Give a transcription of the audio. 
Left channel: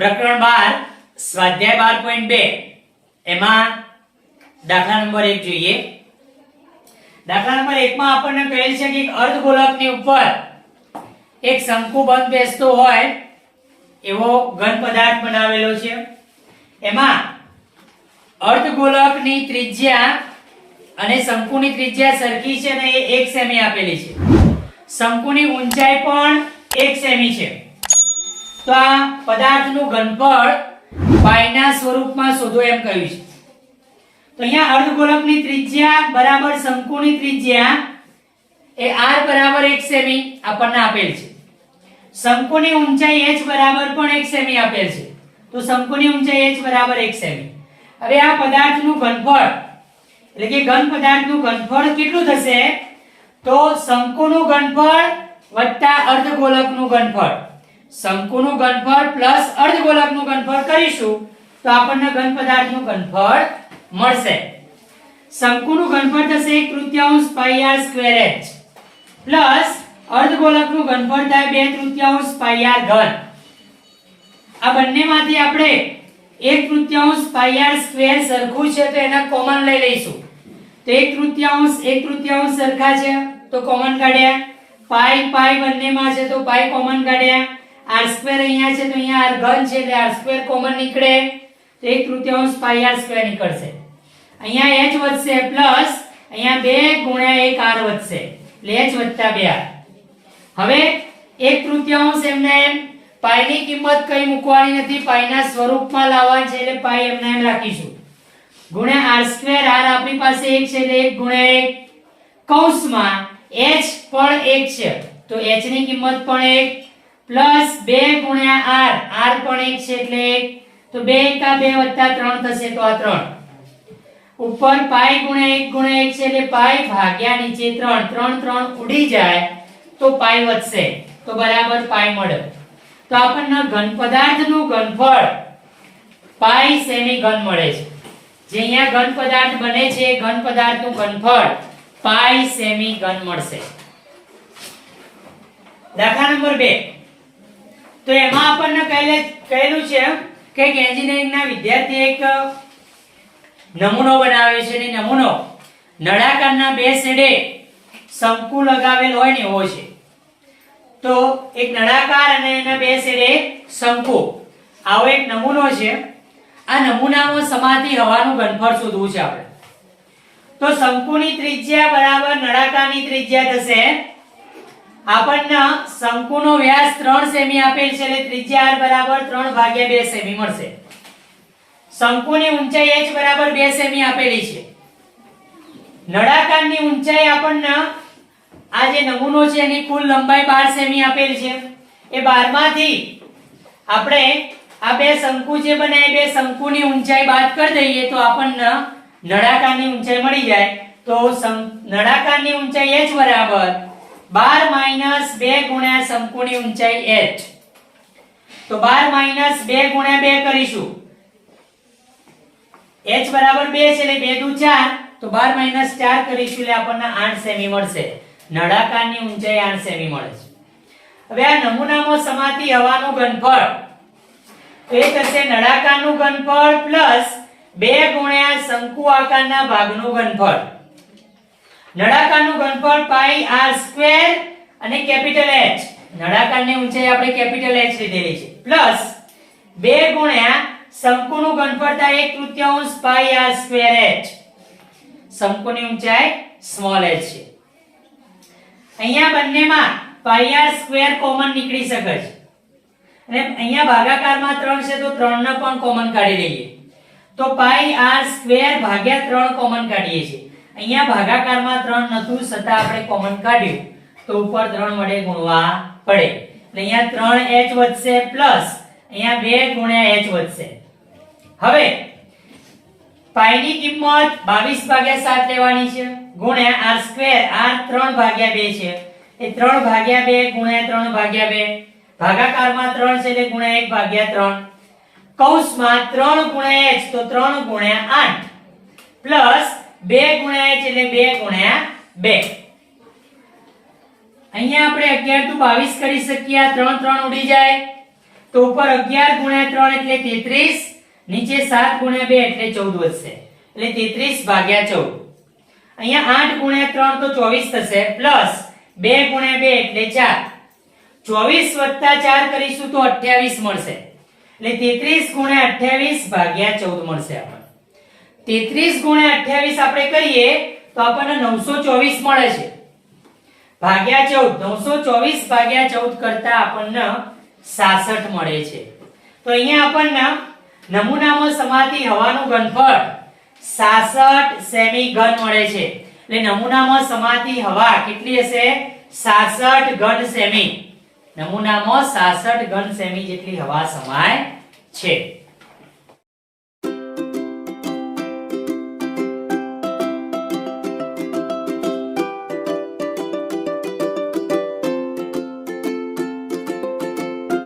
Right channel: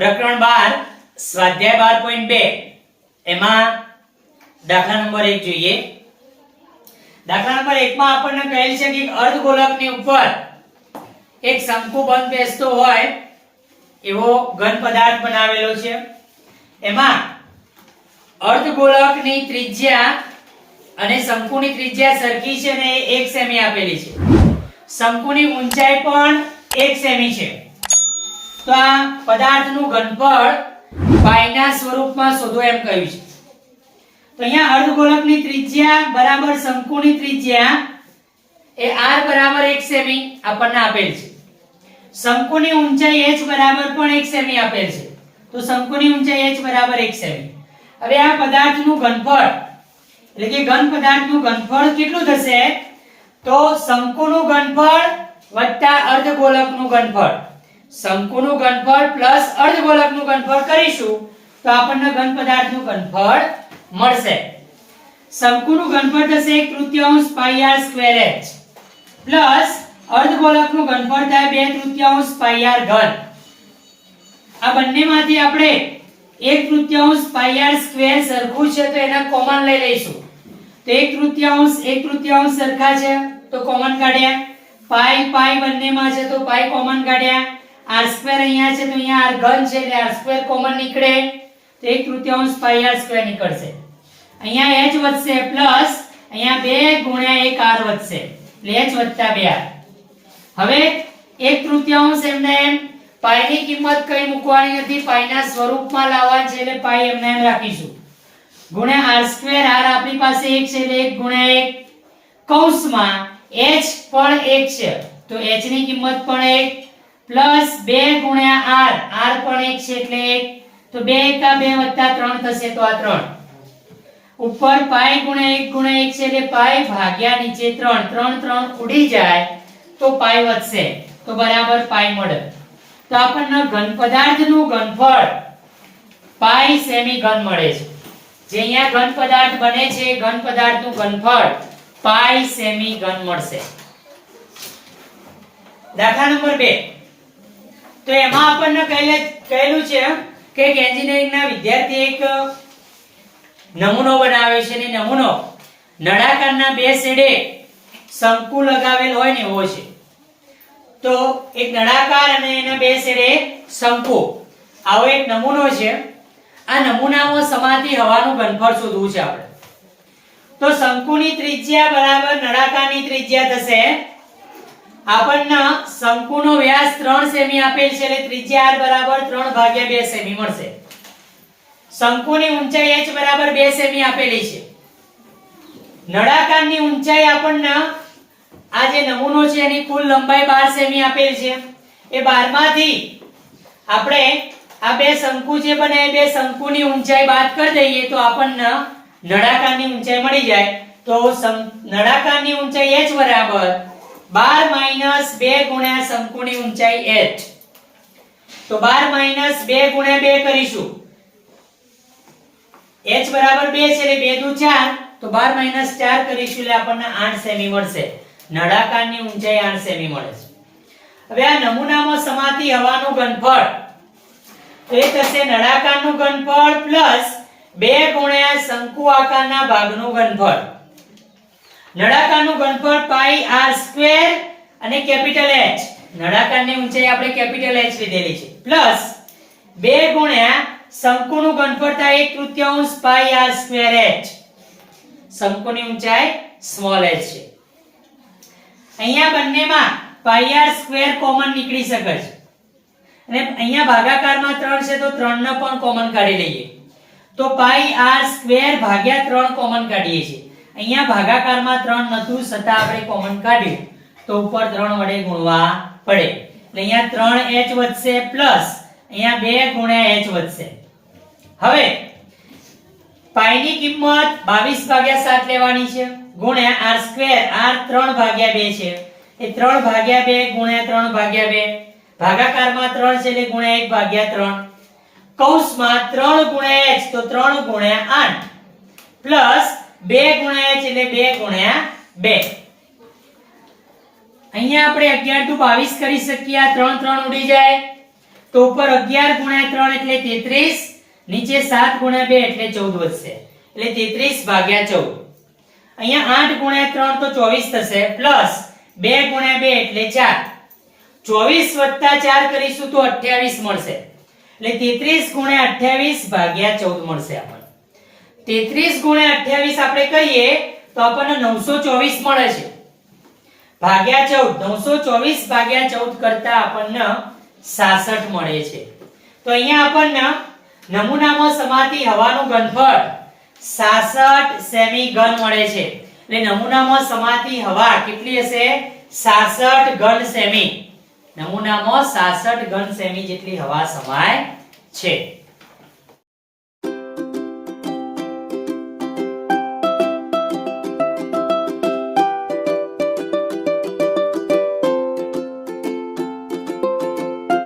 પ્રકરણ બાર, સ્વાધ્યાય બાર પોઈન્ટ બે. એમાં દાખલા નંબર એક જોઈએ. દાખલા નંબર એકમાં આપણને કહેલ છે કે એક અર્ધગોલકની ઉપર એક શંકુ બંધ બેસતો હોય એવો ઘન પદાર્થ બનાવેલો છે. એમાં અર્ધગોલકની ત્રિજ્યા અને શંકુની ત્રિજ્યા સરખી છે ને એ એક સેમી આપેલી છે. શંકુની ઊંચાઈ પણ એક સેમી છે. તો આ પદાર્થનું ઘનફળ પાઈના સ્વરૂપમાં શોધો એમ કહ્યું છે. તો અહીંયા અર્ધગોલકની ત્રિજ્યા બરાબર શંકુની ત્રિજ્યા એ r બરાબર 1 સેમી આપણને આપેલ છે. શંકુની ઊંચાઈ h બરાબર પણ 1 સેમી આપેલ છે. તો શંકુની ઊંચાઈ h બરાબર 1 સેમી. હવે આ પદાર્થનું ઘનફળ, એટલે કે ઘન પદાર્થનું ઘનફળ કેટલું થશે? તો શંકુનું ઘનફળ વત્તા અર્ધગોલકનું ઘનફળ. શંકુનું ઘનફળ પ્લસ અર્ધગોલકનું ઘનફળ કરીશું, તો આપણને ઘન પદાર્થનું ઘનફળ મળશે. શંકુનું ઘનફળ થશે એક તૃતીયાંશ pi R square h plus અર્ધગોલકનું ઘનફળ થાય બે તૃતીયાંશ પાઈ આર ઘન. આ બંનેમાંથી આપણે એક તૃતીયાંશ પાઈ આર સ્ક્વેર સરખું છે, તો એના કોમન લઈ લઈશું. તો એક તૃતીયાંશ એક તૃતીયાંશ સરખા છે, તો કોમન કાઢ્યા. પાઈ પાઈ બંનેમાં છે, તો પાઈ કોમન કાઢ્યા. આર સ્ક્વેર અહીંયા છે, તો અહીંયા આર ઘન છે એટલે આર સ્ક્વેર કોમન નીકળે. તો એક તૃતીયાંશ પાઈ આર સ્ક્વેર નીકળશે. અહીંયા h વધશે પ્લસ અહીંયા 2 ગુણ્યા 1 r વધશે. એટલે h વત્તા 2 r. હવે એક તૃતીયાંશ એમને એમ પાઈની કિંમત કઈ મૂકવાની નથી. પાઈના સ્વરૂપમાં લાવવાની છે એટલે પાઈ એમને એમ રાખીશું. ગુણ્યા r સ્ક્વેર r આપણી પાસે 1 છે એટલે 1 ગુણ્યા 1 કૌંસમાં h પણ 1 છે. તો h ની કિંમત પણ 1 પ્લસ બે ગુણ્યા આર. આર પણ એક છે એટલે 1 તો બે એકા બે વત્તા ત્રણ થશે તો આ ત્રણ. ઉપર પાઈ ગુણ્યા એક ગુણ્યા એક છે એટલે પાઈ ભાગ્યા નીચે 3 3 3 ઉડી જાય તો પાઈ વધશે. તો બરાબર પાઈ મળે. તો આપણને ઘન પદાર્થનું ઘનફળ પાઈ સેમી ઘન મળે છે. જે અહીંયા ઘન પદાર્થ બને છે ઘન પદાર્થનું ઘનફળ પાઈ સેમી ઘન મળશે. દાખલા નંબર 2 તો એમાં આપણને કહેલે કહેલું છે કે એક એન્જિનિયરિંગના વિદ્યાર્થી એક નમૂનો બનાવે છે ને નમૂનો નળાકારના બે શેડે શંકુ લગાવેલ હોય ને એવો છે. તો એક નળાકાર અને એના બે સેડે શંકુ. આવો એક નમૂનો છે. આ નમૂનામાં સમાતી હવાનું ઘનફળ શોધવું છે આપણે. તો શંકુની ત્રિજ્યા બરાબર નળાકારની ત્રિજ્યા થશે આપણને શંકુનો વ્યાસ 3 સેમી આપેલ છે, એટલે ત્રિજ્યા r બરાબર 3 ભાગ્યા 2 સેમી મળશે. શંકુની ઊંચાઈ h બરાબર 2 સેમી આપેલી છે. નળાકારની ઊંચાઈ આપણને આ જે નમૂનો છે, એની કુલ લંબાઈ 12 સેમી આપેલ છે. એ 12 માંથી આપણે આ બે શંકુ જે બને બે શંકુની ઊંચાઈ બાદ કરી દઈએ તો આપણને નળાકારની ઊંચાઈ મળી જાય. તો નળાકારની ઊંચાઈ h બરાબર 12 માઇનસ 2 ગુણ્યા શંકુની ઊંચાઈ એચ તો બાર માઇનસ બે ગુણ્યા બે કરીશું. એચ બરાબર બે છે એટલે બે દુ ચાર. તો બાર માઇનસ ચાર કરીશું એટલે આપણને આઠ સેમી મળશે. નળાકારની ઊંચાઈ આઠ સેમી મળે છે. હવે આ નમૂનામાં સમાતી હવાનું ઘનફળ. એ થશે નળાકારનું ઘનફળ પ્લસ બે ગુણ્યા શંકુ આકારના ભાગનું ઘનફળ. નળાકારનું ઘનફળ પાઈ આર સ્ક્વેર અને કેપિટલ H. નળાકારની ઊંચાઈ આપણે કેપિટલ H લીધેલી છે. પ્લસ 2 ગુણ્યા શંકુનું ઘનફળ થાય એક તૃતીયાંશ પાઈ આર સ્ક્વેર h. શંકુની ઊંચાઈ સ્મોલ h છે. અહીંયા બંનેમાં પાઈ આર સ્ક્વેર કોમન નીકળી શકે છે. અને અહીંયા ભાગાકારમાં 3 છે તો 3 ને પણ કોમન કાઢી લઈએ. તો પાઈ આર સ્ક્વેર ભાગ્યા 3 કોમન કાઢીએ છીએ. અહીંયા ભાગાકારમાં 3 નતું છતાં આપણે કોમન કાઢ્યું. તો ઉપર 3 વડે ગુણવા પડે. એટલે અહીંયા 3h વધશે પ્લસ અહીંયા 2 ગુણ્યા h વધશે. હવે પાઈની કિંમત 22 ભાગ્યા 7 લેવાની છે, ગુણ્યા r સ્ક્વેર, આર 3 ભાગ્યા 2 છે. એ 3 ભાગ્યા 2 ગુણ્યા 3 ભાગ્યા 2 ભાગાકારમાં 3 છે એટલે ગુણ્યા 1 ભાગ્યા 3 કૌંસમાં 3 ગુણ્યા h તો 3 ગુણ્યા 8 પ્લસ 2 ગુણ્યા h એટલે બે ગુણ્યા બે. અહીંયા આપણે અગિયાર ટુ બાવીસ કરી શકીએ ત્રણ 3 3 ઉડી જાય. તો ઉપર 11 ગુણ્યા ત્રણ એટલે 33 નીચે સાત ગુણ્યા બે એટલે ચૌદ વધશે. એટલે 33 ભાગ્યા ચૌદ. અહીંયા આઠ ગુણ્યા ત્રણ તો 24 થશે, પ્લસ બે ગુણ્યા બે એટલે 4 24 વત્તા ચાર કરીશું તો 28 મળશે. એટલે 33 ગુણ્યા 28 ભાગ્યા ચૌદ મળશે આપણને. 33 ગુણ્યા 28 આપણે કહીએ તો આપણને 924 મળે છે. ભાગ્યા 14 924 ભાગ્યા ચૌદ કરતા આપણને 66 મળે છે. તો અહીંયા આપણને નમૂનામાં સમાતી હવાનું ઘનફળ 66 સેમી ઘન મળે છે. એટલે નમૂનામાં સમાતી હવા કેટલી હશે? 66 ઘન સેમી. નમૂનામાં 66 ઘન સેમી જેટલી હવા સમાય છે.